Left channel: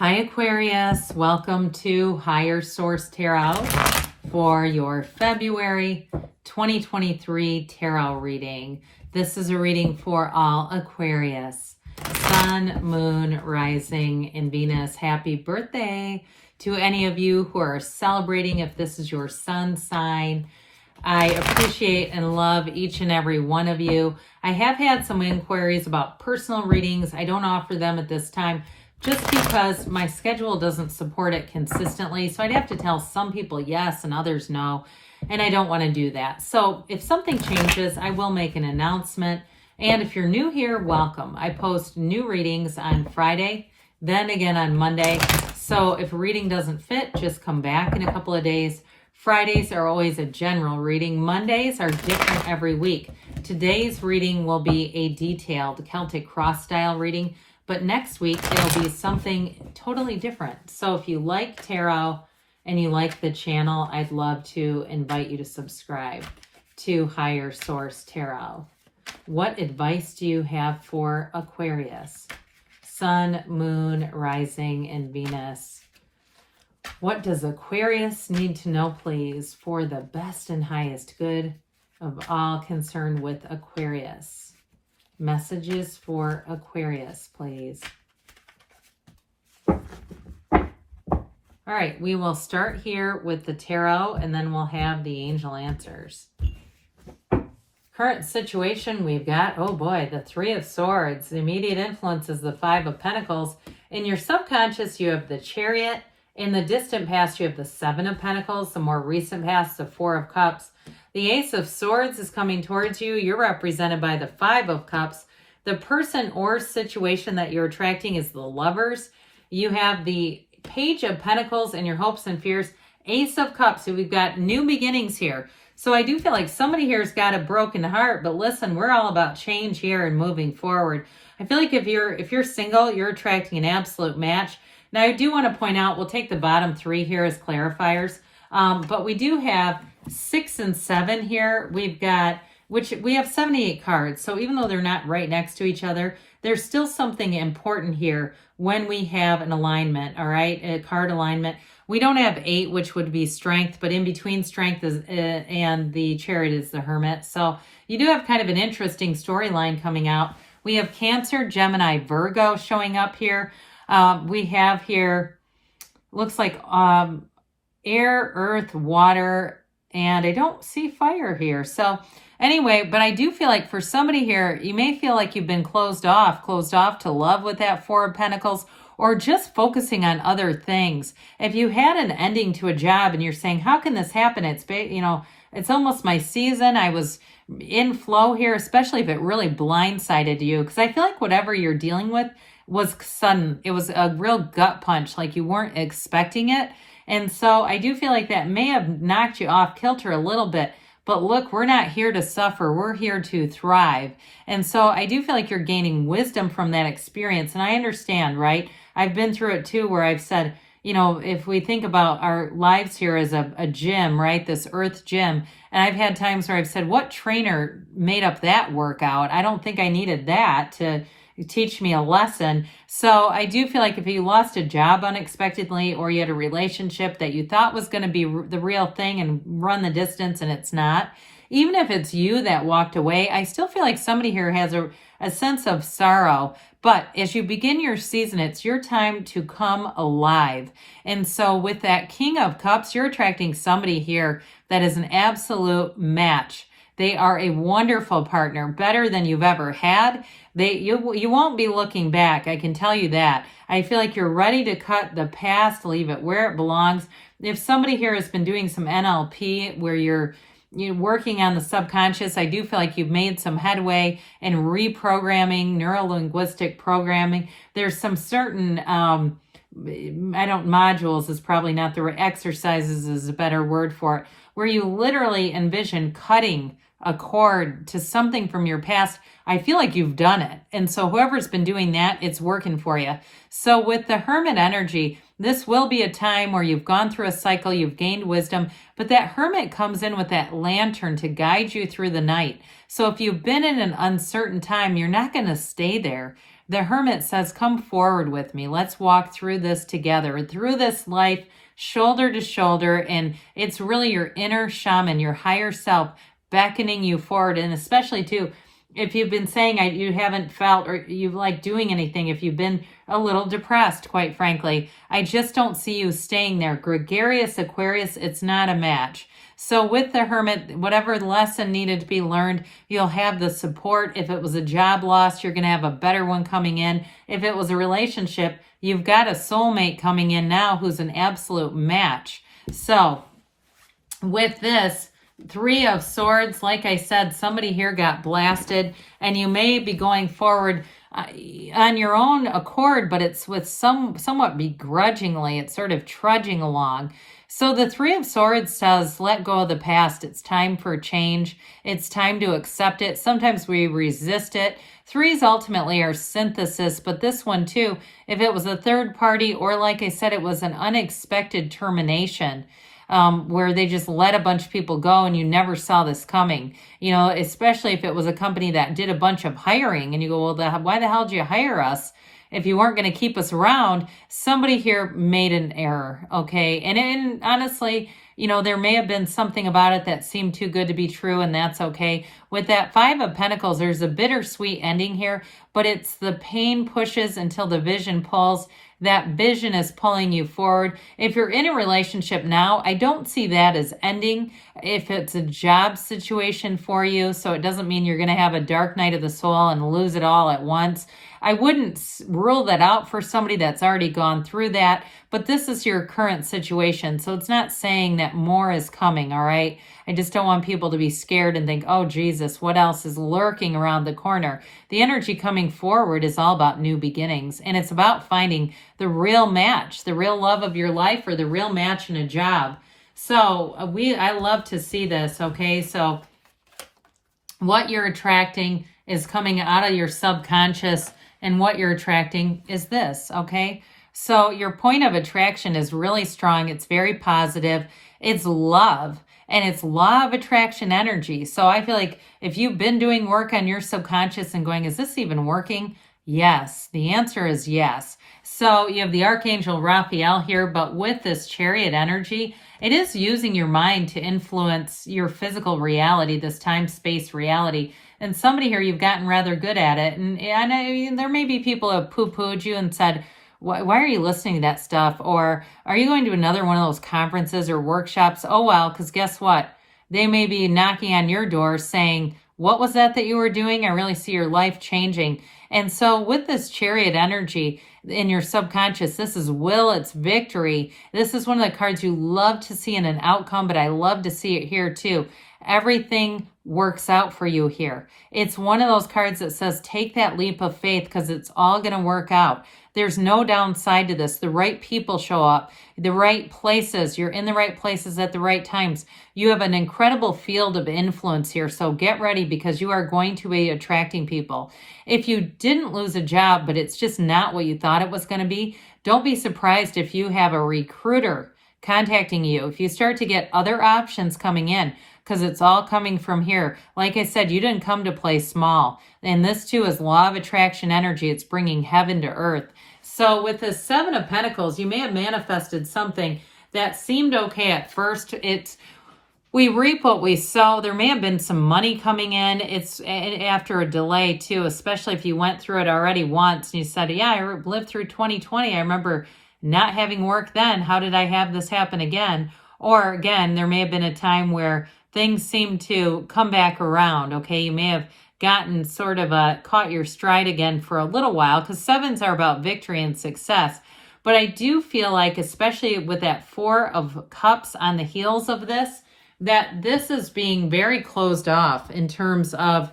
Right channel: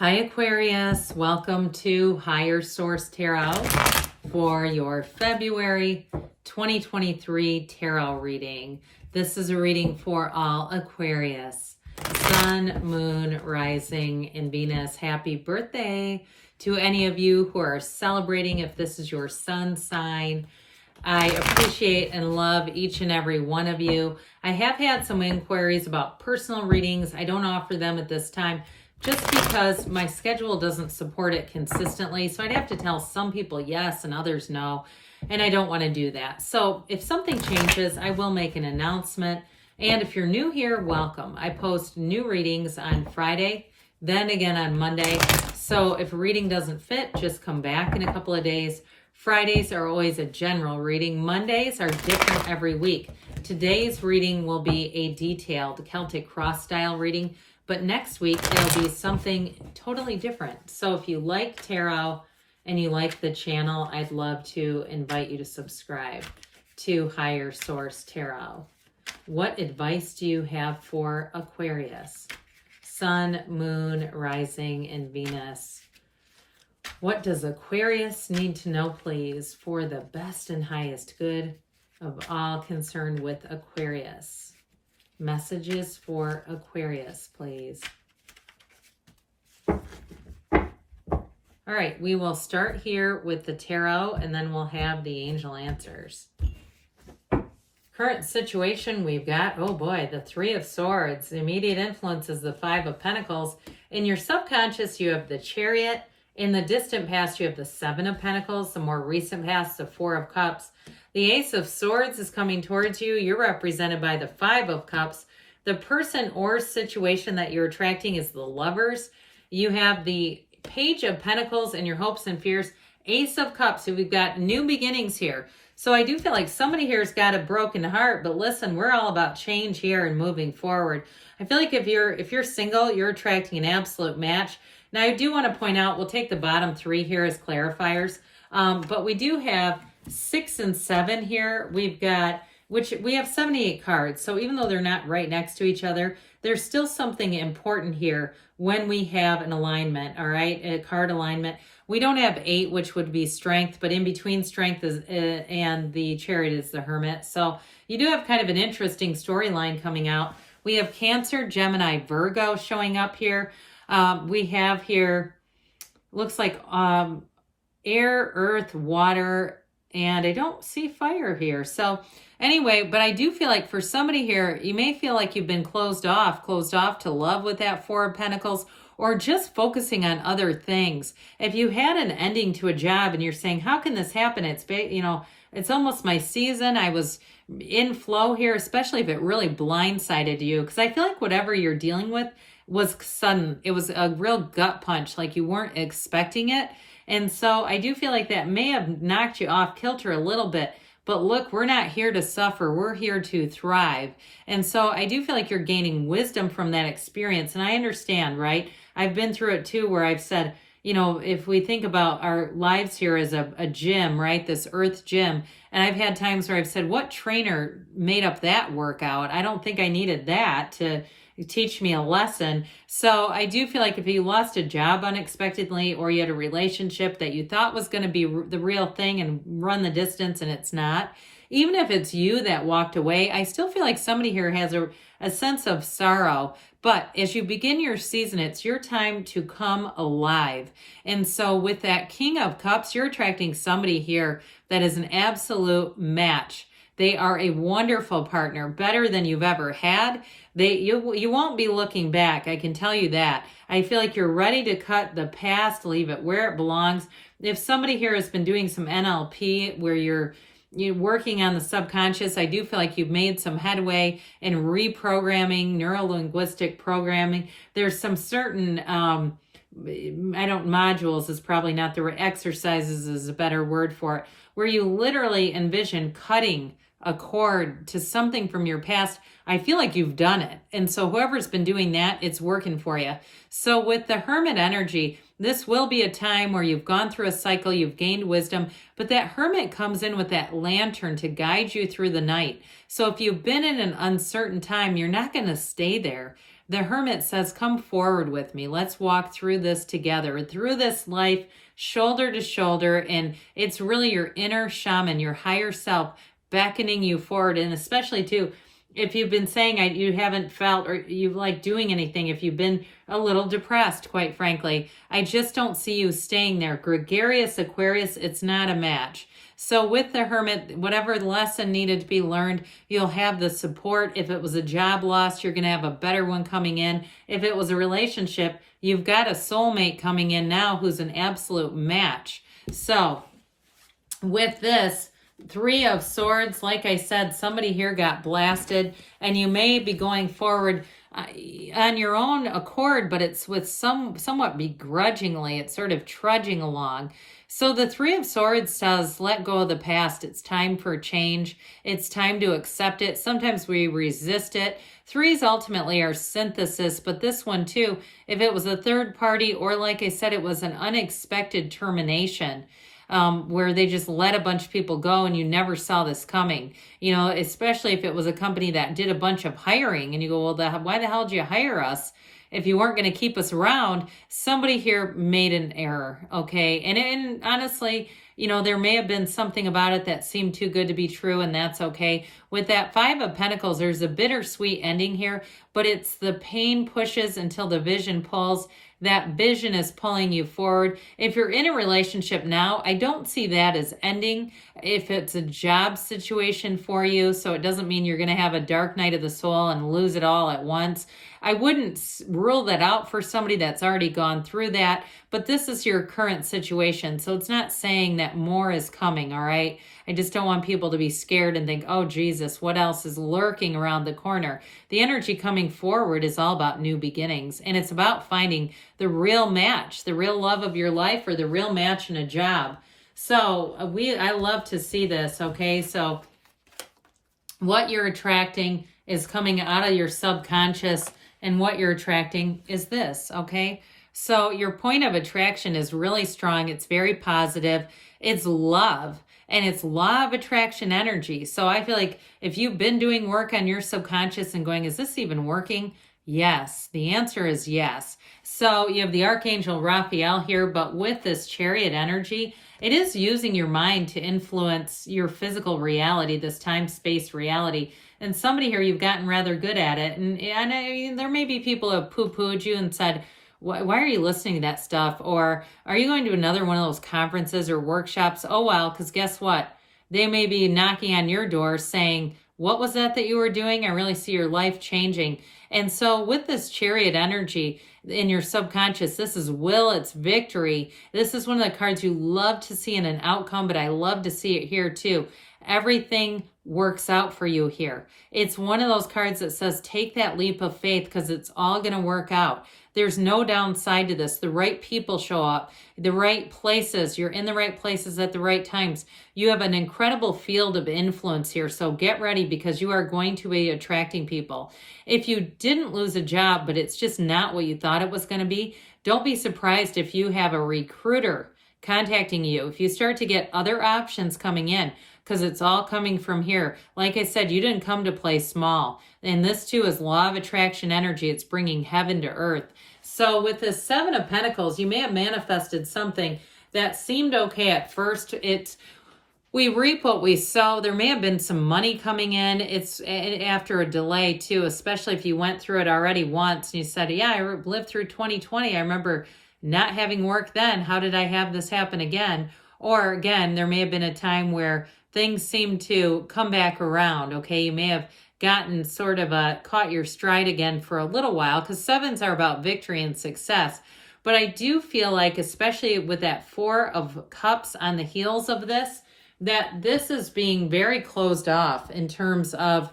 Hi Aquarius, welcome to Higher Source Tarot for your February 2023 tarot reading. This is a reading for all Aquarius, Sun, Moon, Rising, and Venus. Happy birthday to any of you who are celebrating if this is your sun sign. I appreciate and love each and every one of you. I have had some inquiries about personal readings. I don't offer them at this time just because my schedule doesn't support it consistently. So I'd have to tell some people yes and others no, and I don't want to do that. So if something changes, I will make an announcement. And if you're new here, welcome. I post new readings on Friday, then again on Monday. So if a reading doesn't fit, just come back in a couple of days. Fridays are always a general reading. Mondays are different every week. Today's reading will be a detailed Celtic cross style reading, but next week it'll be something totally different. So if you like tarot and you like the channel, I'd love to invite you to subscribe to Higher Source Tarot. What advice do you have for Aquarius? Sun, Moon, Rising, and Venus. What does Aquarius need to know, please, for the best and highest good of all concerned with Aquarius? Messages for Aquarius, please. All right, we will start here with the tarot, and then we'll have the angel answers. Current situation, we've got, oh boy, the Three of Swords. The immediate influence is the Five of Pentacles. In your subconscious, you have the Chariot. In the distant past, you have the Seven of Pentacles. The more recent past, the Four of Cups. The Ace of Swords is coming towards you. You're represented by the Five of Cups. The person or situation that you're attracting is the Lovers. You have the Page of Pentacles and your hopes and fears. Ace of Cups. So we've got new beginnings here. So I do feel like somebody here has got a broken heart, but listen, we're all about change here and moving forward. I feel like if you're single, you're attracting an absolute match. Now, I do want to point out, we'll take the bottom three here as clarifiers, but we do have 6 and 7 here. We've got, which we have 78 cards. So even though they're not right next to each other, there's still something important here when we have an alignment, all right, a card alignment. We don't have 8, which would be strength, but in between strength is, and the Chariot is the Hermit. So you do have kind of an interesting storyline coming out. We have Cancer, Gemini, Virgo showing up here. We have here, looks like air, earth, water, and I don't see fire here. So anyway, but I do feel like for somebody here, you may feel like you've been closed off to love with that Four of Pentacles, or just focusing on other things. If you had an ending to a job and you're saying, how can this happen? It's, you know, it's almost my season. I was in flow here, especially if it really blindsided you, because I feel like whatever you're dealing with was sudden. It was a real gut punch, like you weren't expecting it. And so I do feel like that may have knocked you off kilter a little bit. But look, we're not here to suffer. We're here to thrive. And so I do feel like you're gaining wisdom from that experience. And I understand, right? I've been through it too, where I've said, you know, if we think about our lives here as a gym, right? This earth gym. And I've had times where I've said, what trainer made up that workout? I don't think I needed that to teach me a lesson. So I do feel like if you lost a job unexpectedly, or you had a relationship that you thought was going to be the real thing and run the distance and it's not, even if it's you that walked away, I still feel like somebody here has a sense of sorrow. But as you begin your season, it's your time to come alive. And so with that King of Cups, you're attracting somebody here that is an absolute match. They are a wonderful partner, better than you've ever had. You won't be looking back, I can tell you that. I feel like you're ready to cut the past, leave it where it belongs. If somebody here has been doing some NLP where you're working on the subconscious, I do feel like you've made some headway in reprogramming, neuro-linguistic programming. There's some certain, modules is probably not the right, exercises is a better word for it, where you literally envision cutting a cord to something from your past. I feel like you've done it. And so whoever's been doing that, it's working for you. So with the Hermit energy, this will be a time where you've gone through a cycle, you've gained wisdom, but that Hermit comes in with that lantern to guide you through the night. So if you've been in an uncertain time, you're not going to stay there. The Hermit says, come forward with me. Let's walk through this together, through this life, shoulder to shoulder. And it's really your inner shaman, your higher self, beckoning you forward. And especially too, if you've been saying you haven't felt or you like doing anything, if you've been a little depressed, quite frankly, I just don't see you staying there. Gregarious Aquarius, it's not a match. So with the Hermit, whatever lesson needed to be learned, you'll have the support. If it was a job loss, you're going to have a better one coming in. If it was a relationship, you've got a soulmate coming in now who's an absolute match. So with this, Three of Swords, like I said, somebody here got blasted, and you may be going forward on your own accord, but it's with somewhat begrudgingly. It's sort of trudging along. So the Three of Swords says, let go of the past. It's time for change. It's time to accept it. Sometimes we resist it. Threes ultimately are synthesis, but this one too, if it was a third party, or like I said, it was an unexpected termination, where they just let a bunch of people go and you never saw this coming. You know, especially if it was a company that did a bunch of hiring and you go, well, why the hell did you hire us if you weren't going to keep us around? Somebody here made an error, okay? And honestly, you know, there may have been something about it that seemed too good to be true, and that's okay. With that Five of Pentacles, there's a bittersweet ending here, but it's the pain pushes until the vision pulls. That vision is pulling you forward. If you're in a relationship now, I don't see that as ending. If it's a job situation for you, so it doesn't mean you're going to have a dark night of the soul and lose it all at once. I wouldn't rule that out for somebody that's already gone through that, but this is your current situation, so it's not saying that more is coming, all right? I just don't want people to be scared and think, oh, Jesus, what else is lurking around the corner? The energy coming forward is all about new beginnings, and it's about finding the real match, the real love of your life, or the real match in a job. So I love to see this, okay? So what you're attracting is coming out of your subconscious, and what you're attracting is this, okay? So your point of attraction is really strong. It's very positive. It's love, and it's law of attraction energy. So I feel like if you've been doing work on your subconscious and going, is this even working? Yes, the answer is yes. So you have the Archangel Raphael here, but with this Chariot energy, it is using your mind to influence your physical reality, this time-space reality. And somebody here, you've gotten rather good at it. And there may be people who have poo-pooed you and said, why are you listening to that stuff? Or are you going to another one of those conferences or workshops? Oh, well, because guess what? They may be knocking on your door saying, what was that you were doing? I really see your life changing. And so with this Chariot energy in your subconscious, this is will, it's victory. This is one of the cards you love to see in an outcome, but I love to see it here too. Everything works out for you here. It's one of those cards that says, take that leap of faith because it's all going to work out. There's no downside to this. The right people show up, the right places. You're in the right places at the right times. You have an incredible field of influence here. So get ready because you are going to be attracting people. If you didn't lose a job, but it's just not what you thought it was going to be, don't be surprised if you have a recruiter contacting you. If you start to get other options coming in, because it's all coming from here. Like I said, you didn't come to play small. And this too is law of attraction energy. It's bringing heaven to earth. So with this Seven of Pentacles, you may have manifested something that seemed okay at first. We reap what we sow. There may have been some money coming in. It's after a delay too, especially if you went through it already once and you said, yeah, I lived through 2020. I remember not having work then. How did I have this happen again? Or again, there may have been a time where things seem to come back around, okay? You may have gotten sort of caught your stride again for a little while, because sevens are about victory and success. But I do feel like, especially with that Four of Cups on the heels of this, that this is being very closed off in terms of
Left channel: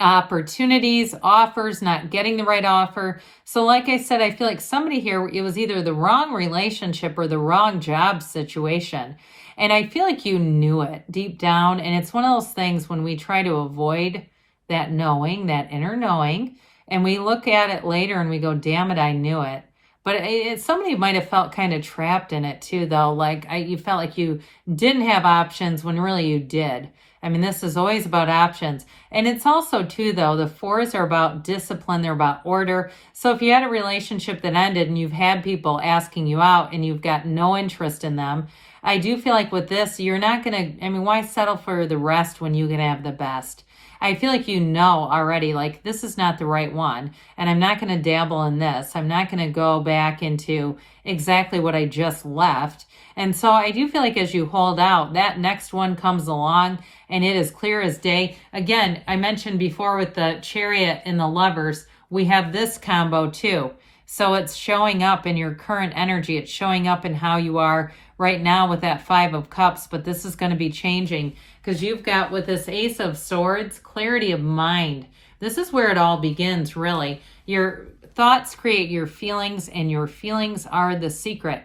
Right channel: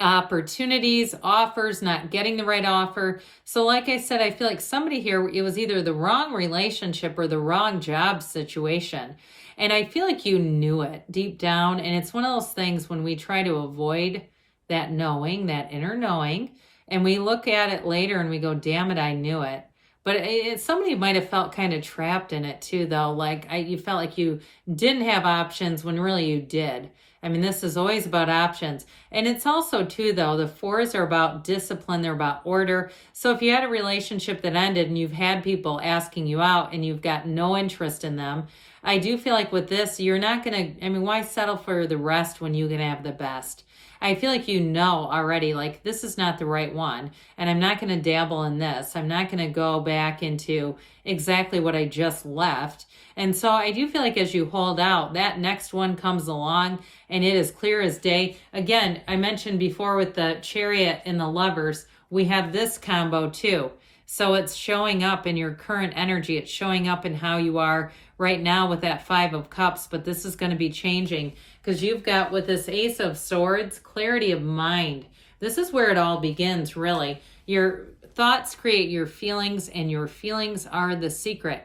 opportunities, offers, not getting the right offer. So like I said, I feel like somebody here, it was either the wrong relationship or the wrong job situation. And I feel like you knew it deep down. And it's one of those things when we try to avoid that knowing, that inner knowing, and we look at it later and we go, damn it, I knew it. But somebody might have felt kind of trapped in it too, though. Like you felt like you didn't have options when really you did. I mean, this is always about options. And it's also, too, though, the 4s are about discipline. They're about order. So if you had a relationship that ended and you've had people asking you out and you've got no interest in them, I do feel like with this, you're not going to, I mean, why settle for the rest when you can have the best? I feel like you know already, like, this is not the right one, and I'm not going to dabble in this. I'm not going to go back into exactly what I just left. And so I do feel like as you hold out, that next one comes along, and it is clear as day. Again, I mentioned before with the Chariot and the Lovers, we have this combo too. So it's showing up in your current energy. It's showing up in how you are right now with that 5 of Cups, but this is going to be changing because you've got with this Ace of Swords, clarity of mind. This is where it all begins, really. Your thoughts create your feelings, and your feelings are the secret.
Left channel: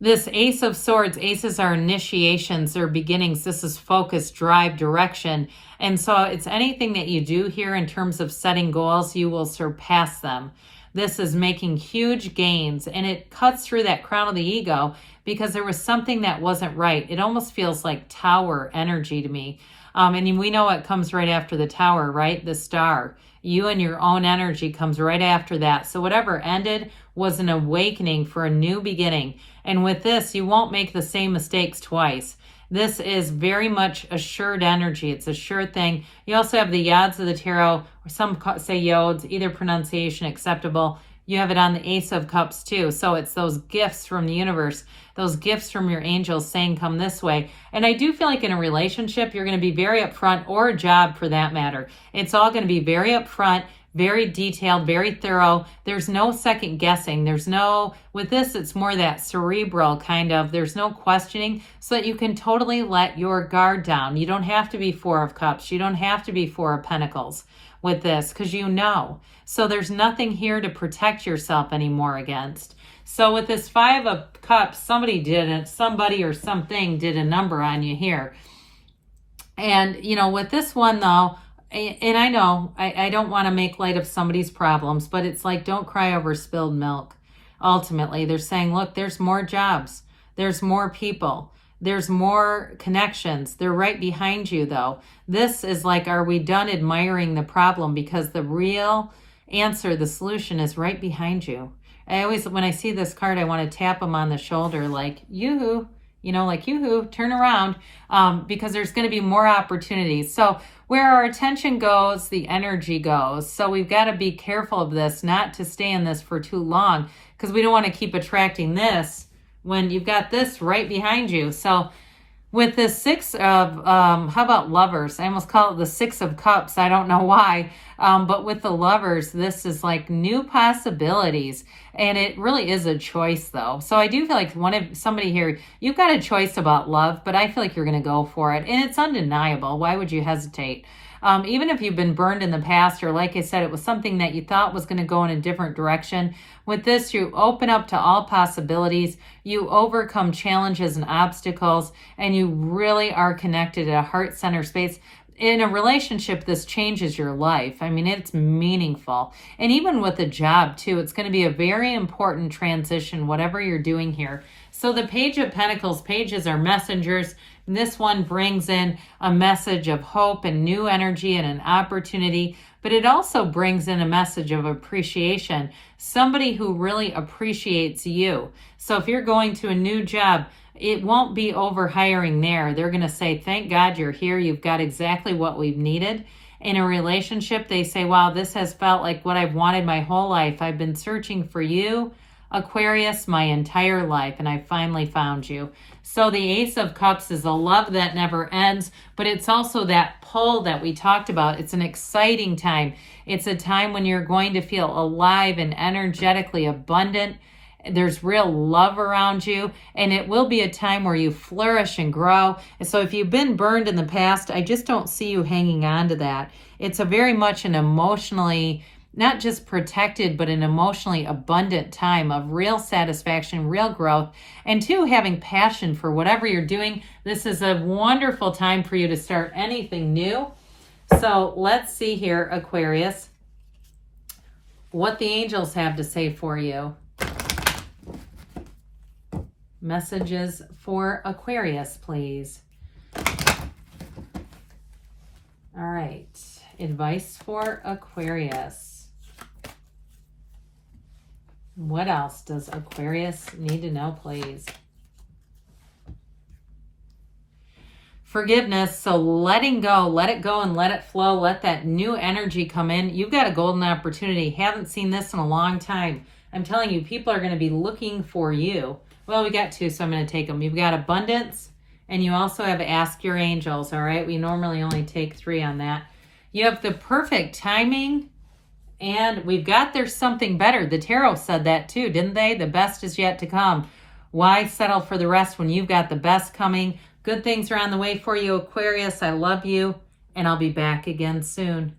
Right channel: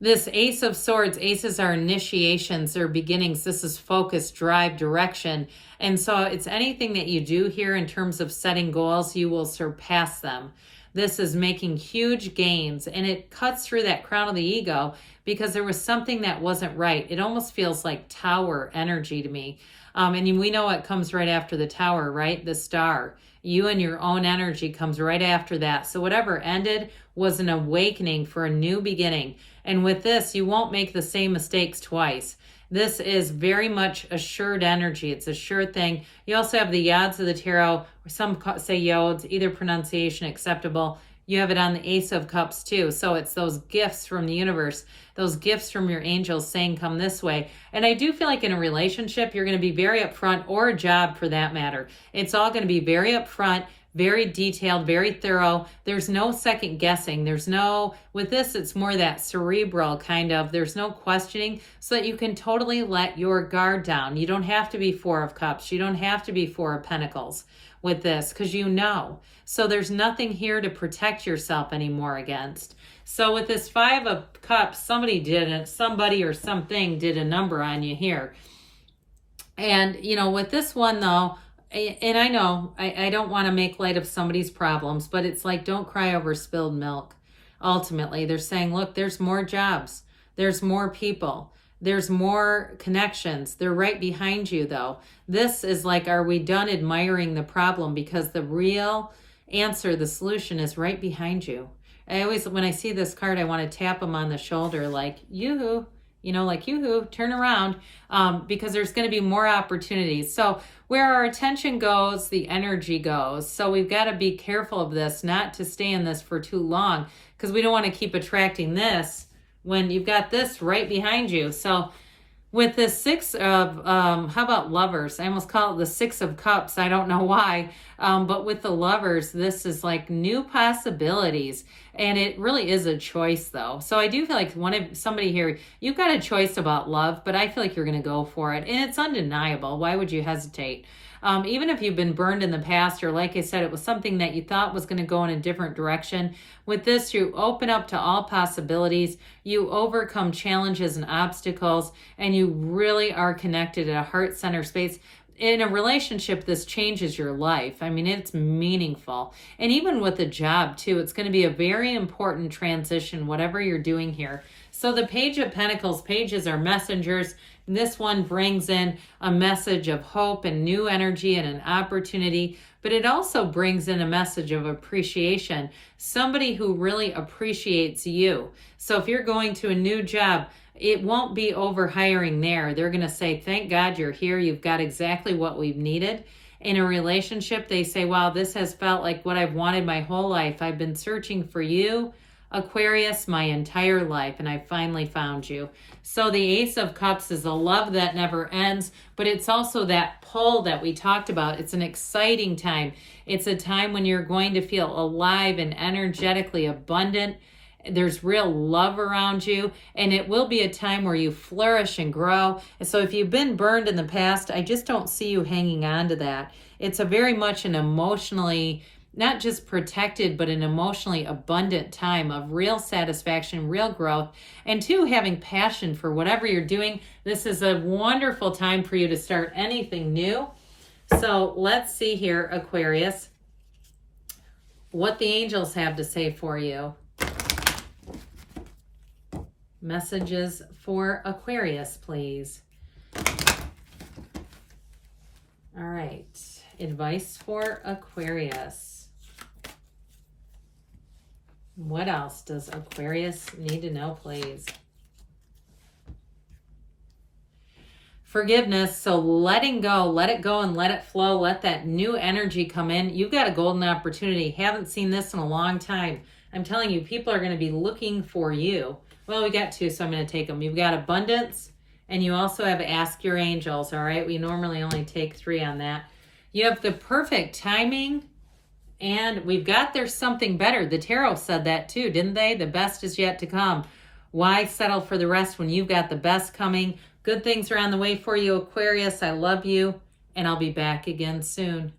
This Ace of Swords, aces are initiations, they're beginnings. This is focus, drive, direction. And so it's anything that you do here in terms of setting goals, you will surpass them. This is making huge gains, and it cuts through that crown of the ego because there was something that wasn't right. It almost feels like tower energy to me. And we know what comes right after the tower, right? The star. You and your own energy comes right after that. So whatever ended was an awakening for a new beginning. And with this, you won't make the same mistakes twice. This is very much assured energy. It's a sure thing. You also have the Yods of the Tarot, or some say Yods, either pronunciation acceptable. You have it on the Ace of Cups too. So it's those gifts from the universe, those gifts from your angels saying, come this way. And I do feel like in a relationship, you're going to be very upfront, or a job for that matter. It's all going to be very upfront, very detailed, very thorough. There's no second guessing. With this, it's more that cerebral kind of, there's no questioning, so that you can totally let your guard down. You don't have to be 4 of Cups. You don't have to be 4 of Pentacles with this, because you know. So there's nothing here to protect yourself anymore against. So with this 5 of Cups, somebody or something did a number on you here. And, with this one though, and I know I don't want to make light of somebody's problems, but it's like, don't cry over spilled milk. Ultimately, they're saying, look, there's more jobs. There's more people. There's more connections. They're right behind you, though. This is like, are we done admiring the problem? Because the real answer, the solution is right behind you. I always, when I see this card, I want to tap them on the shoulder like, yoo-hoo, yoo-hoo, turn around, because there's going to be more opportunities. So where our attention goes, the energy goes. So we've got to be careful of this, not to stay in this for too long, because we don't want to keep attracting this when you've got this right behind you. So with this 6 of, how about Lovers? I almost call it the 6 of Cups. I don't know why. But with the Lovers, this is like new possibilities. And it really is a choice, though. So I do feel like somebody here, you've got a choice about love, but I feel like you're going to go for it. And it's undeniable. Why would you hesitate? Even if you've been burned in the past, or like I said, it was something that you thought was going to go in a different direction. With this, you open up to all possibilities. You overcome challenges and obstacles, and you really are connected at a heart center space. In a relationship, this changes your life. I mean, it's meaningful. And even with a job, too, it's going to be a very important transition, whatever you're doing here. So the Page of Pentacles, pages are messengers. This one brings in a message of hope and new energy and an opportunity, but it also brings in a message of appreciation. Somebody who really appreciates you. So if you're going to a new job, it won't be over hiring there. They're going to say, thank God you're here. You've got exactly what we've needed. In a relationship, they say, wow, this has felt like what I've wanted my whole life. I've been searching for you, Aquarius, my entire life, and I finally found you. So the Ace of Cups is a love that never ends, but it's also that pull that we talked about. It's an exciting time. It's a time when you're going to feel alive and energetically abundant. There's real love around you, and it will be a time where you flourish and grow. And so if you've been burned in the past, I just don't see you hanging on to that. It's a very much an emotionally, not just protected, but an emotionally abundant time of real satisfaction, real growth, and 2, having passion for whatever you're doing. This is a wonderful time for you to start anything new. So let's see here, Aquarius, what the angels have to say for you. Messages for Aquarius, please. right. Advice for Aquarius. What else does Aquarius need to know, please? Forgiveness. So letting go, let it go and let it flow. Let that new energy come in. You've got a golden opportunity. Haven't seen this in a long time. I'm telling you, people are going to be looking for you. Well, we got two, so I'm going to take them. You've got abundance, and you also have ask your angels, all right? We normally only take 3 on that. You have the perfect timing, and we've got there's something better. The tarot said that too, didn't they? The best is yet to come. Why settle for the rest when you've got the best coming? Good things are on the way for you, Aquarius. I love you, and I'll be back again soon.